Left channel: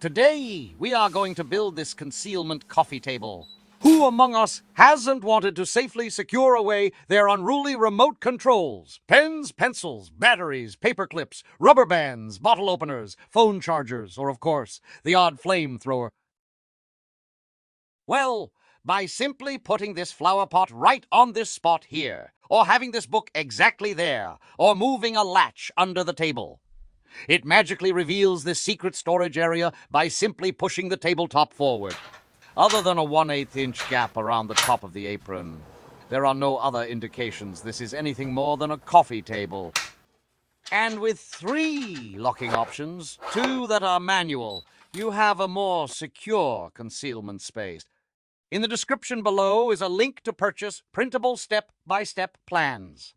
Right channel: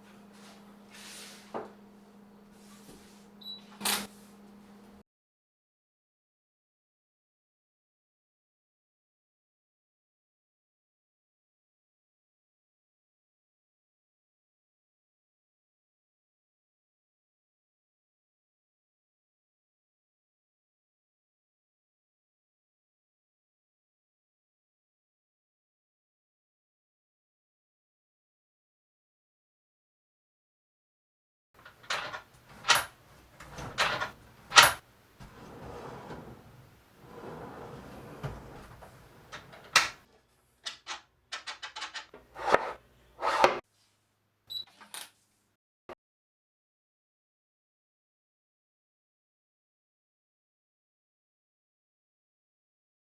Today, we are going to build this concealment coffee table. Who among us hasn't wanted to safely secure away their unruly remote controls? Pens, pencils, batteries, paper clips, rubber bands, bottle openers, phone chargers, or of course, the odd flamethrower. Well, by simply putting this flower pot right on this spot here, or having this book exactly there, or moving a latch under the table. It magically reveals this secret storage area by simply pushing the tabletop forward. Other than a 1/8 inch gap around the top of the apron, there are no other indications this is anything more than a coffee table. And with 3 locking options, 2 that are manual, you have a more secure concealment space. In the description below is a link to purchase printable step-by-step plans.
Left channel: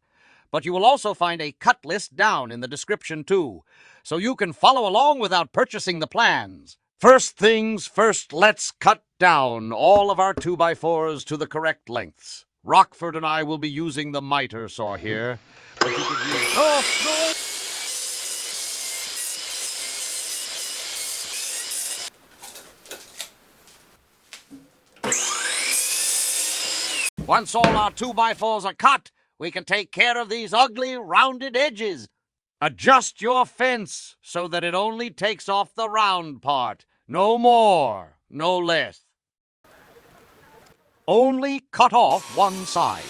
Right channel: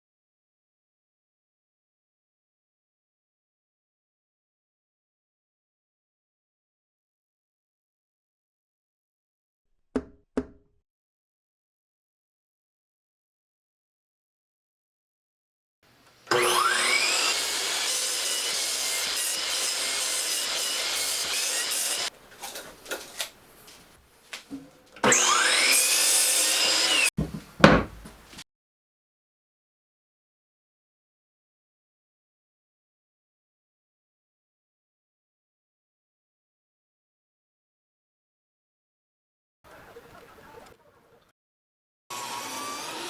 But you will also find a cut list down in the description too, so you can follow along without purchasing the plans. First things first, let's cut down all of our 2x4s to the correct lengths. Rockford and I will be using the miter saw here, but you could use... Once all our 2x4s are cut, we can take care of these ugly rounded edges. Adjust your fence so that it only takes off the round part. No more, no less. Only cut off one side.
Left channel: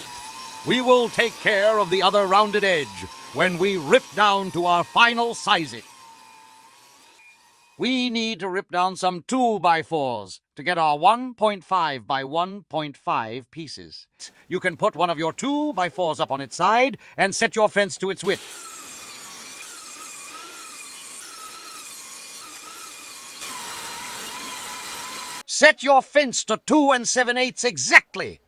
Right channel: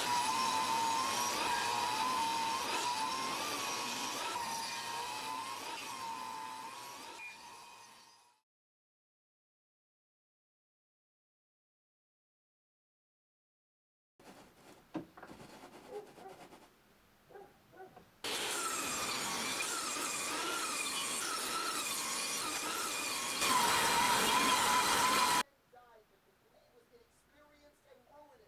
We will take care of the other rounded edge when we rip down to our final sizing. We need to rip down some 2x4s to get our 1.5 by 1.5 pieces. You can put one of your 2x4s up on its side and set your fence to its width. Set your fence to 2 7/8 exactly.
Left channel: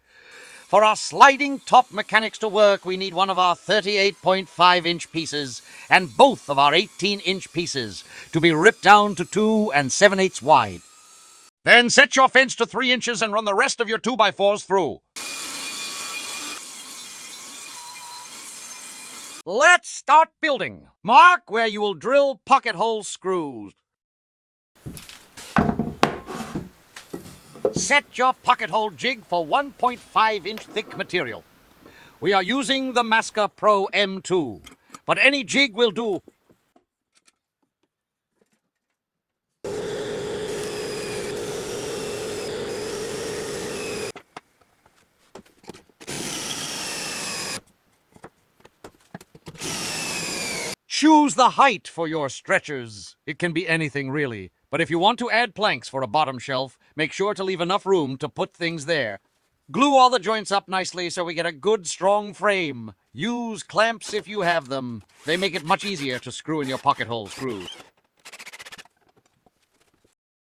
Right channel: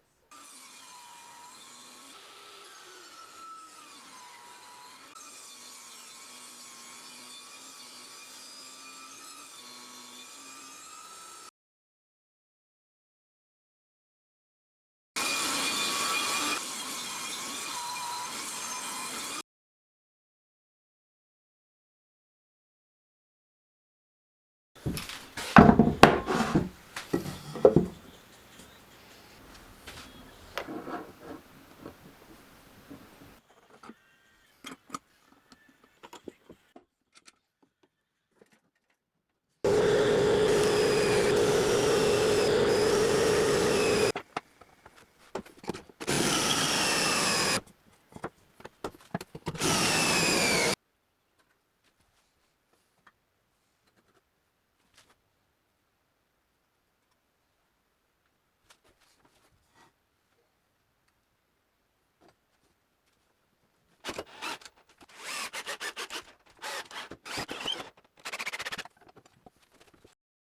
For our sliding top mechanics to work, we need one of our 38.5 inch pieces and both of our 18-inch pieces to be ripped down to 2 7/8 wide. Then set your fence to 3 inches and run the rest of your 2x4s through. Let's start building. Mark where you will drill pocket hole screws. Set your pocket hole jig for 1.5 inch thick material. We are using the Masca Pro M2, but any jig will do. Choose the height for your stretchers. It can be anything really, but if you want to add planks for a bottom shelf, make sure to leave enough room to put things there. Glue all the joints up nicely so we get a good, strong frame. Use clamps if you have them. They make it much easier to screw in your pocket hole screws.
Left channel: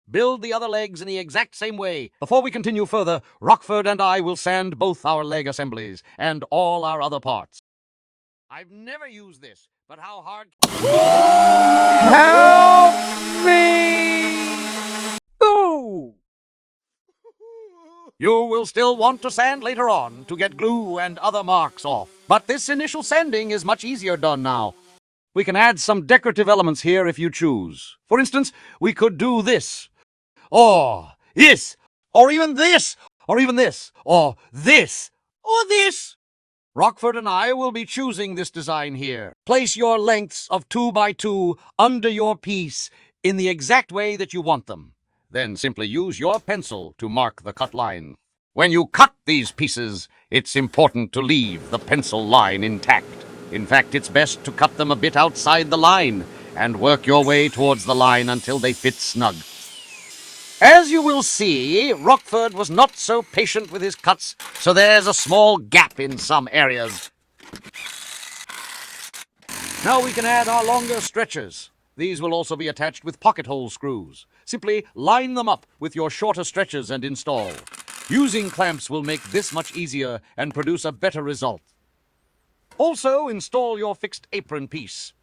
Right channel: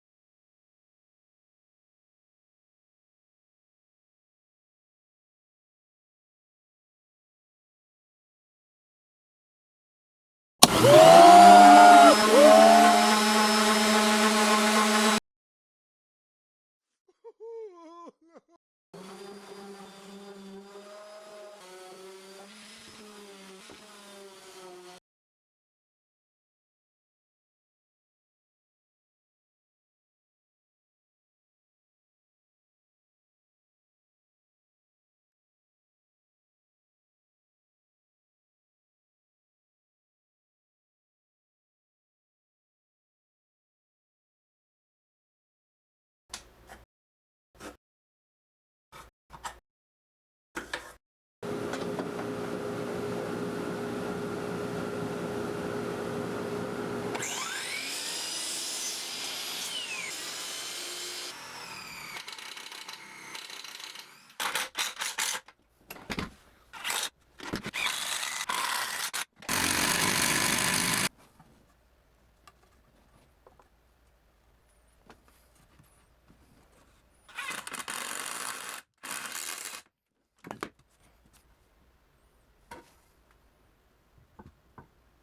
Build the other legs in the exact same way. Before we continue further, Rockford and I will sand both our leg assemblies and all our other parts. I've never used this, but how hard... Help me! Oh! You will still want to sand later on to get glue and other marks off. But this initial sanding is much easier done now. We can add some decorative elements here if you choose. For instance, we could do this, or this, or even this, or even this, or this, or this. Rockford and I will be choosing this design here. Place your lengths of 2x2 under your piece in the exact way that you want them. Then simply use your pencil to mark the cut line. When you cut these pieces, it's important to leave the pencil line intact. In fact, it's best to cut them a bit outside the line and work your way towards the line until they fit snug. As you will see, Rockford was not so patient with his cuts, so there's a small gap in some areas. Now we can add our longer stretchers. These will also be attached with pocket hole screws. Simply line them up with your shorter stretchers and install. Using clamps will make this much easier and produce a better result. Also, install your fixed apron piece.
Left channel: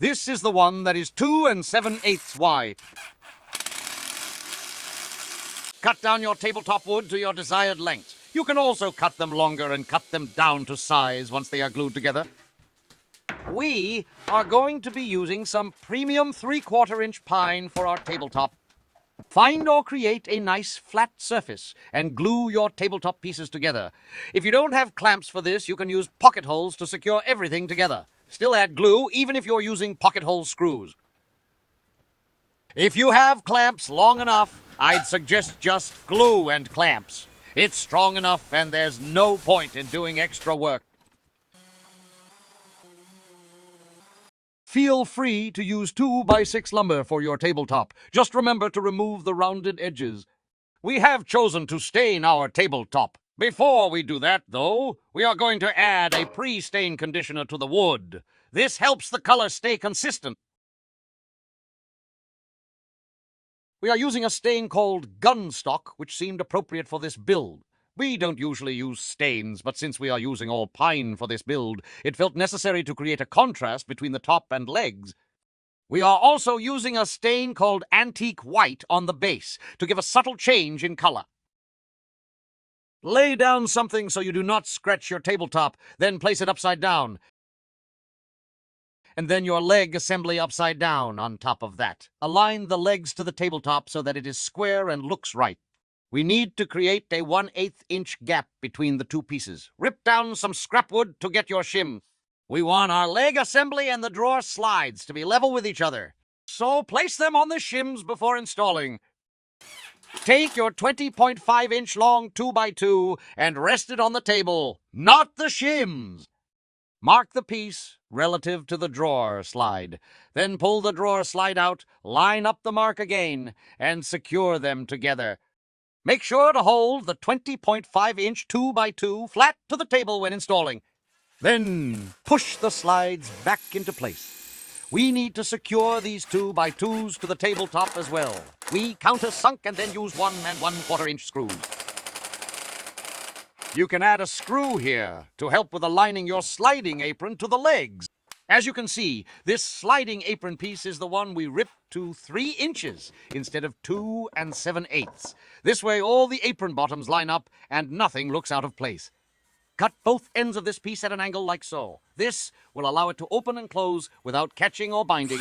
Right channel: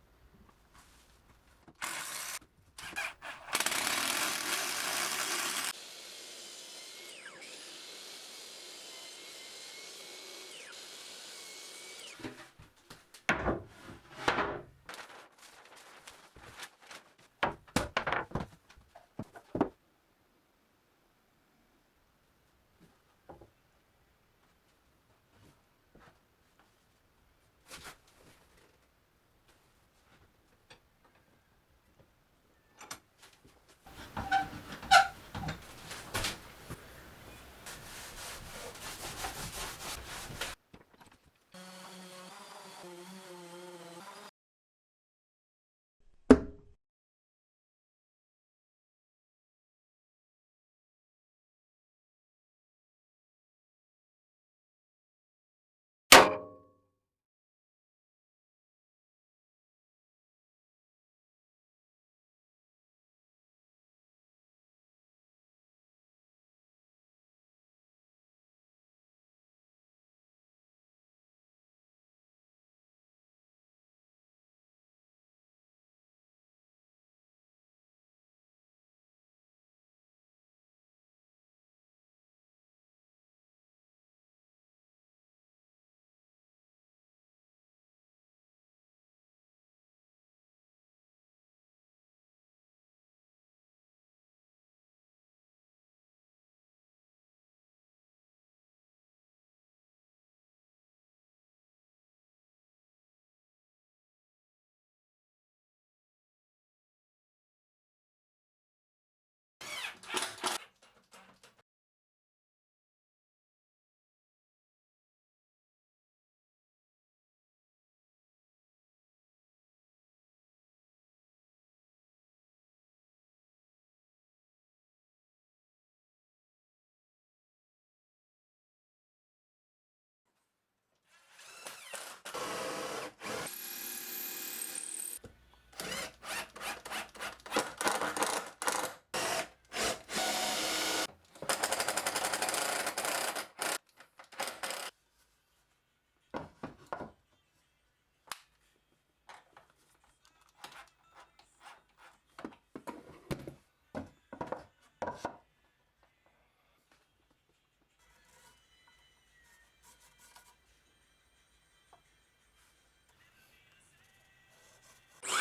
This is the one that is 2 7/8 wide. Cut down your tabletop wood to your desired length. You can also cut them longer and cut them down to size once they are glued together. We are going to be using some premium 3/4 inch pine for our tabletop. Find or create a nice flat surface and glue your tabletop pieces together. If you don't have clamps for this, you can use pocket holes to secure everything together. Still add glue even if you're using pocket hole screws. If you have clamps long enough, I'd suggest just glue and clamps. It's strong enough and there's no point in doing extra work. Feel free to use 2x6 lumber for your tabletop. Just remember to remove the rounded edges. We have chosen to stain our tabletop. Before we do that, though, we are going to add a pre-stain conditioner to the wood. This helps the color stay consistent. We are using a stain called Gunstock, which seemed appropriate for this build. We don't usually use stains, but since we are using all pine for this build, it felt necessary to create a contrast between the top and legs. We are also using a stain called Antique White on the base to give a subtle change in color. Lay down something so you do not scratch your tabletop, then place it upside down. And then your leg assembly upside down on top of that. Align the legs to the tabletop so that it is square and looks right. We need to create a 1/8 inch gap between the two pieces. Rip down some scrap wood to get your shim. We want our leg assembly and the drawer slides to be level with each other. So place them on the shims before installing. Take your 20.5 inch long 2x2 and rest it on the table, not the shims. Mark the piece relative to the drawer slide. Then pull the drawer slide out, line up the mark again, and secure them together. Make sure to hold the 20.5 inch 2x2 flat to the table when installing. Then push the slides back into place. We need to secure these 2x2s to the tabletop as well. We countersunk and then use 1 1/4 inch screws. You can add a screw here to help with aligning your sliding apron to the legs. As you can see, this sliding apron piece is the one we ripped to 3 inches instead of 2 7/8. This way all the apron bottoms line up and nothing looks out of place. Cut both ends of this piece at an angle like so. This will allow it to open and close without catching or binding.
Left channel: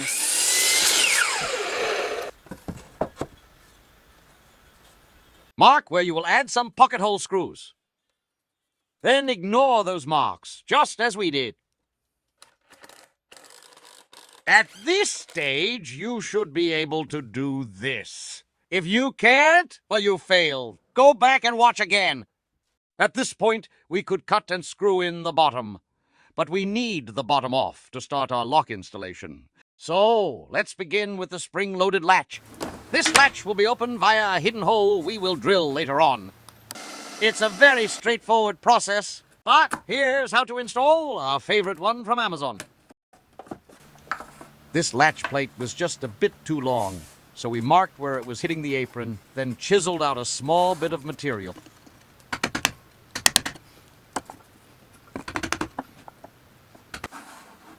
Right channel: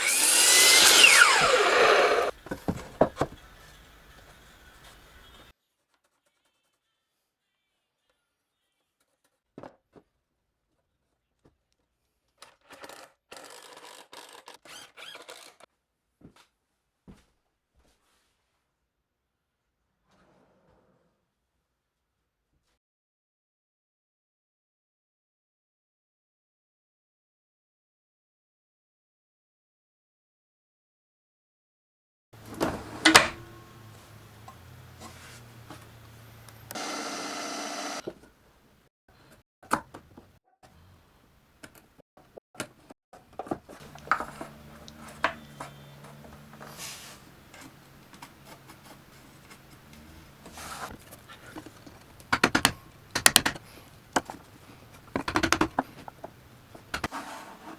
Mark where you will add some pocket hole screws. Then ignore those marks, just as we did. At this stage, you should be able to do this. If you can't, well, you failed. Go back and watch again. At this point, we could cut and screw in the bottom. But we need the bottom off to start our lock installation. So, let's begin with the spring-loaded latch. This latch will be opened via a hidden hole we will drill later on. It's a very straightforward process, but here's how to install our favorite one from Amazon. This latch plate was just a bit too long, so we marked where it was hitting the apron, then chiseled out a small bit of material.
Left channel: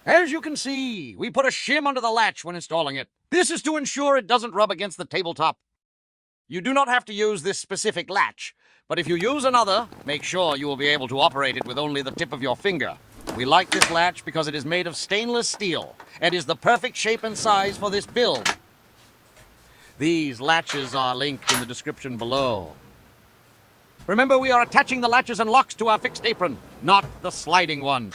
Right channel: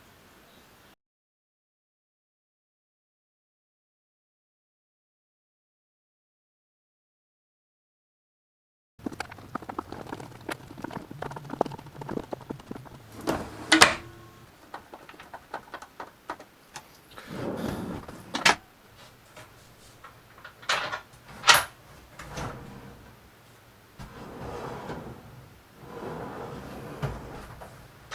As you can see, we put a shim under the latch when installing it. This is to ensure it doesn't rub against the tabletop. You do not have to use this specific latch, but if you use another, make sure you will be able to operate it with only the tip of your finger. We like this latch because it is made of stainless steel and is the perfect shape and size for this build. These latches are linked in the description below. Remember, we are attaching the latches and locks to our fixed apron, not the sliding one.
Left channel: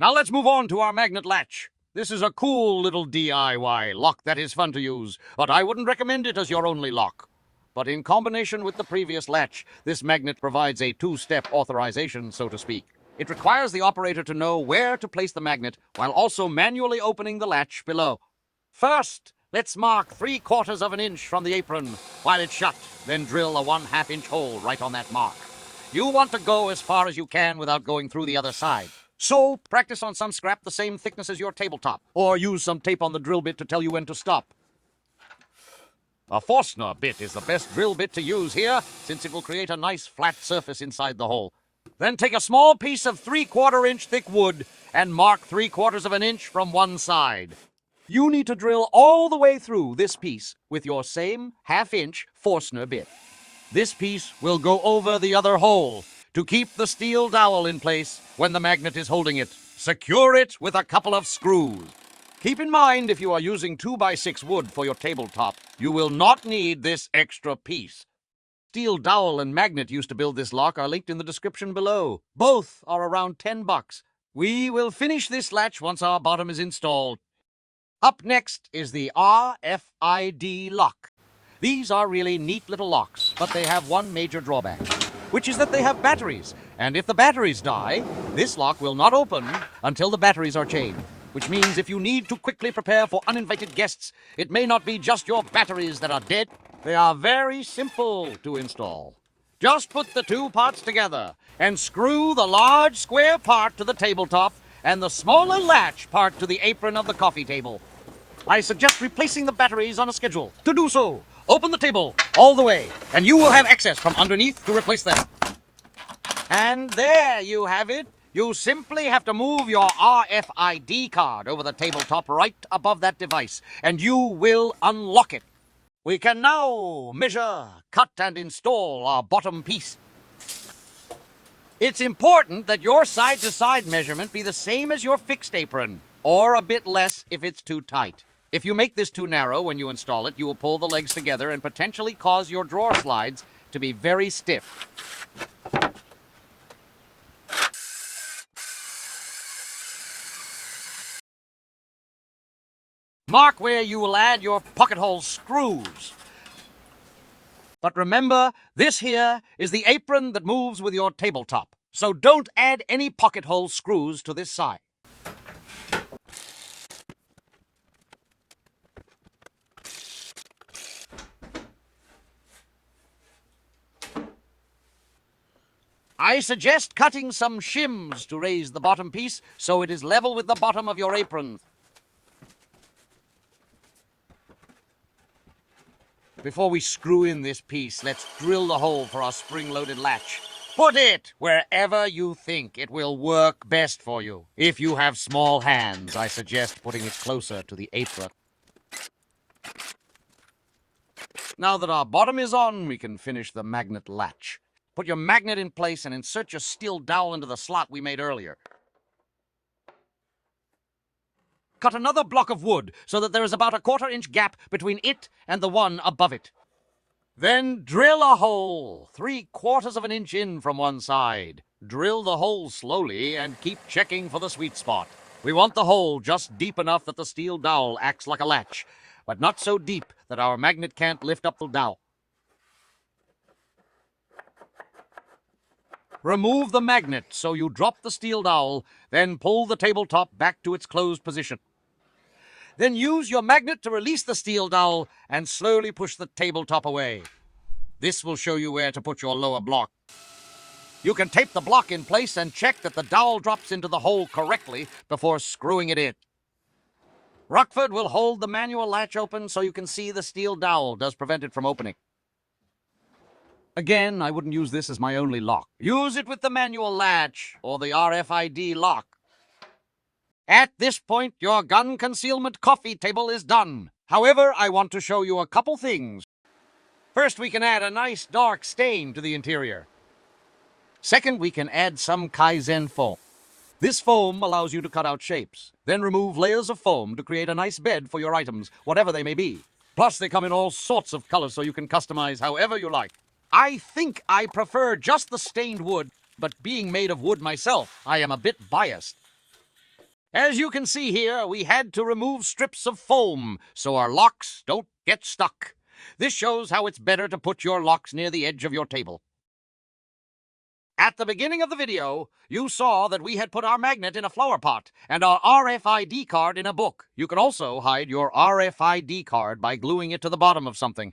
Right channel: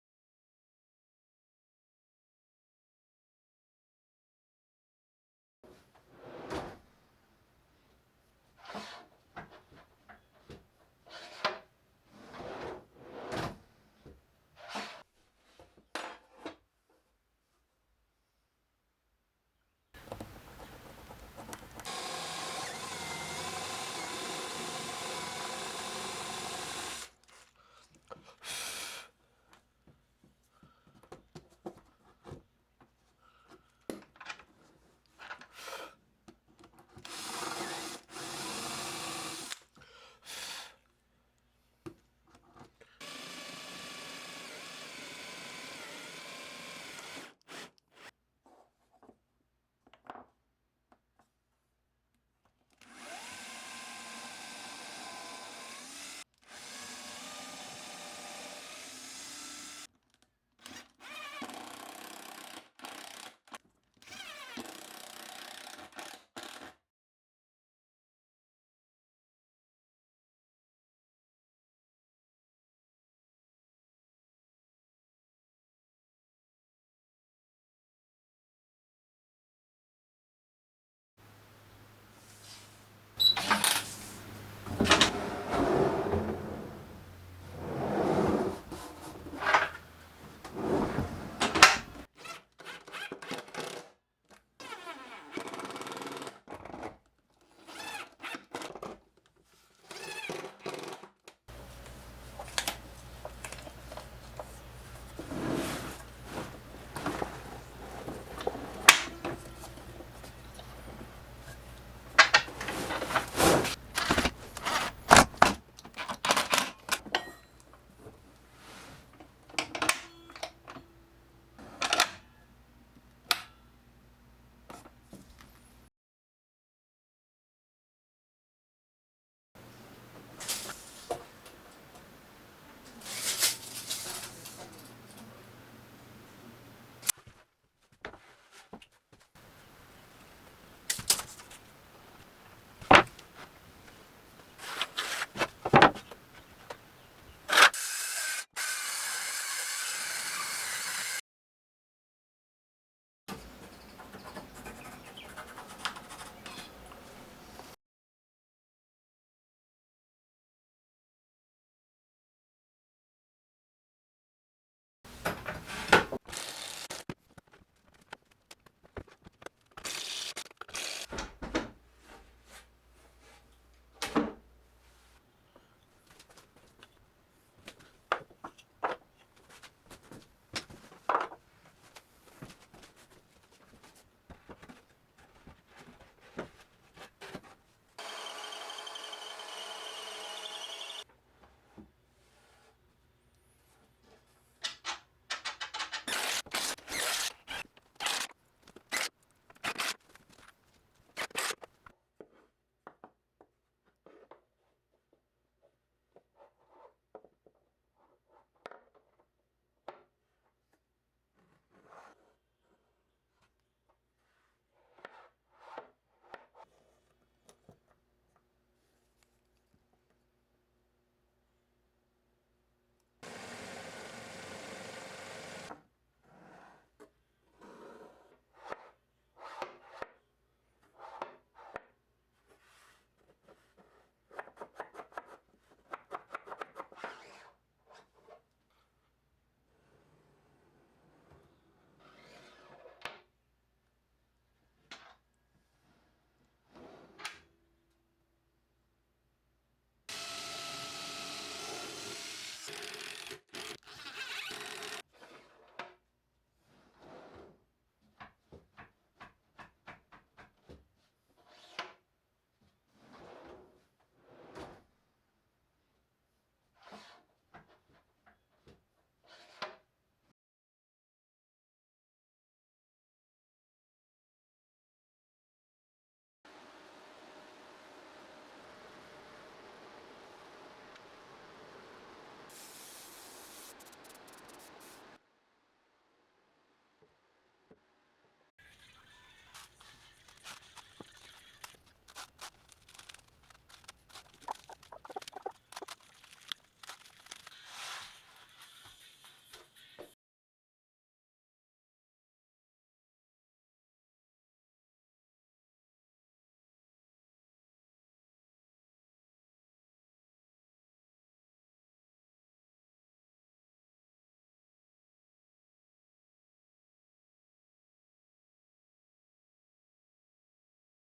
Now let's move on to our magnet latch. This is a cool little DIY lock that is fun to use, but I wouldn't recommend it as your only lock. But in combination with the previous latch, this magnet provides a 2-step authorization, so to speak. It requires the operator to know where to place the magnet while also manually opening the latch below. First, let's mark 3/4 of an inch from the apron while it's shut, then drill a 1/2 inch hole right on that mark. You want to go as far as you can without going through the other side. So, practice on some scrap the same thickness as your tabletop, or use some tape on the drill bit to tell you when to stop. A Forstner bit is the best drill bit to use here, since it will create a nice flat surface inside the hole. Then take a small piece of 3/4 inch thick wood and mark 3/4 of an inch from one side. You need to drill all the way through this piece with your same 1/2 inch Forstner bit. This piece will go over the other hole to keep the steel dowel in place when the magnet is holding it. Secure it with a couple of screws. Keep in mind, if you are using 2x6 wood for your tabletop, you will not need this extra piece. Steel dowel and magnet used to build this lock are linked in the description below. Both are around $10. We will finish this latch once our bottom is installed. Up next is the RFID lock. These are really neat little locks, but they have one major drawback, which is that they have batteries. And if the batteries die, this lock will not open until the batteries are changed. Which means if you need to quickly prepare for uninvited guests, it may not be just your batteries that are dead. They are very simple to install. Just put the two parts together and screw the large square part to the tabletop and the smaller latch part to the apron of the coffee table. I suggest replacing the batteries on a schedule. To do so, open the table all the way, and you will have access from underneath to replace them. And there you have it. You simply have to move your RFID card over the tabletop right above that device, and you will unlock it. We can now measure, cut, and install our bottom piece. It's important that your side-to-side measurement be the same as your fixed apron, or a bit less if it's too tight. If you make this too narrow when you install it, you will pull the legs together and potentially cause your drawer slides to be very stiff. Mark where you will add your pocket hole screws. But remember, this here is the apron that moves with your tabletop, so don't add any pocket hole screws to this side. I suggest cutting some shims to raise the bottom piece so it is level with the bottom of your apron. Before we screw in this piece, let's drill the hole for our spring-loaded latch. Put it wherever you think it will work best for you. If you have small hands, I suggest putting it closer to the apron. Now that our bottom is on, we can finish the magnet latch. Put your magnet in place and insert your steel dowel into the slot we made earlier. Cut another block of wood so that there is about a 1/4-inch gap between it and the one above it. Then drill a hole 3/4 of an inch in from one side. Drill the hole slowly and keep checking for the sweet spot. We want the hole just deep enough that the steel dowel acts like a latch, but not so deep that our magnet can't lift up the dowel. Remove the magnet so you drop the steel dowel, then pull the tabletop back to its closed position. Then use your magnet to release the steel dowel and slowly push the tabletop away. This will show you where to put your lower block. You can tape the block in place and check that the dowel drops into the hole correctly before screwing it in. Rockford will hold the manual latch open so you can see the steel dowel does prevent it from opening. Again, I wouldn't use this as my only lock. Use it with the manual latch or the RFID lock. At this point, your gun concealment coffee table is done. However, I want to show you a couple things. First, we can add a nice dark stain to the interior. Second, we can add some Kaizen foam. This foam allows you to cut out shapes, then remove layers of foam to create a nice bed for your items, whatever they may be. Plus, they come in all sorts of colors so you can customize however you like. I think I prefer just the stained wood, but being made of wood myself, I am a bit biased. As you can see here, we had to remove strips of foam so our locks don't get stuck. This shows how it's better to put your locks near the edge of your table. At the beginning of the video, you saw that we had put our magnet in a flower pot and our RFID card in a book. You can also hide your RFID card by gluing it to the bottom of something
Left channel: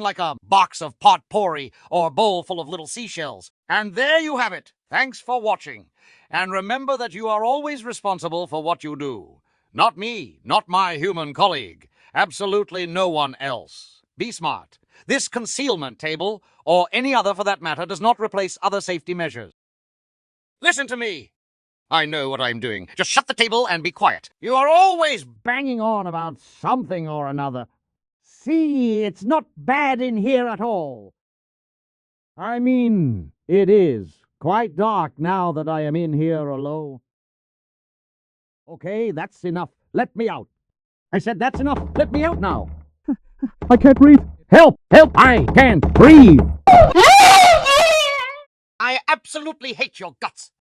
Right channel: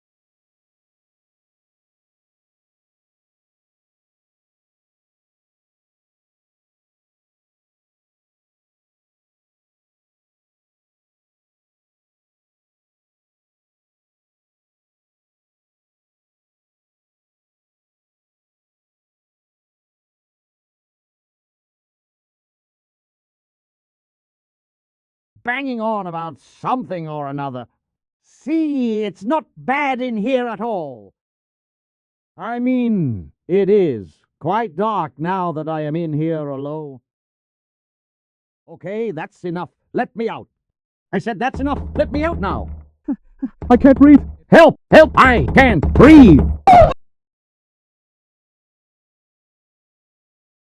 like a box of potpourri or a bowl full of little seashells. And there you have it. Thanks for watching. And remember that you are always responsible for what you do. Not me, not my human colleague. Absolutely no one else. Be smart. This concealment table, or any other for that matter, does not replace other safety measures. Listen to me. I know what I'm doing. Just shut the table and be quiet. You are always banging on about something or another. See, it's not bad in here at all. I mean, it is quite dark now that I am in here alone. Okay, that's enough. Let me out. I said that's enough. Let me out now. I can't breathe. Help! Help! I can't breathe! I absolutely hate your guts.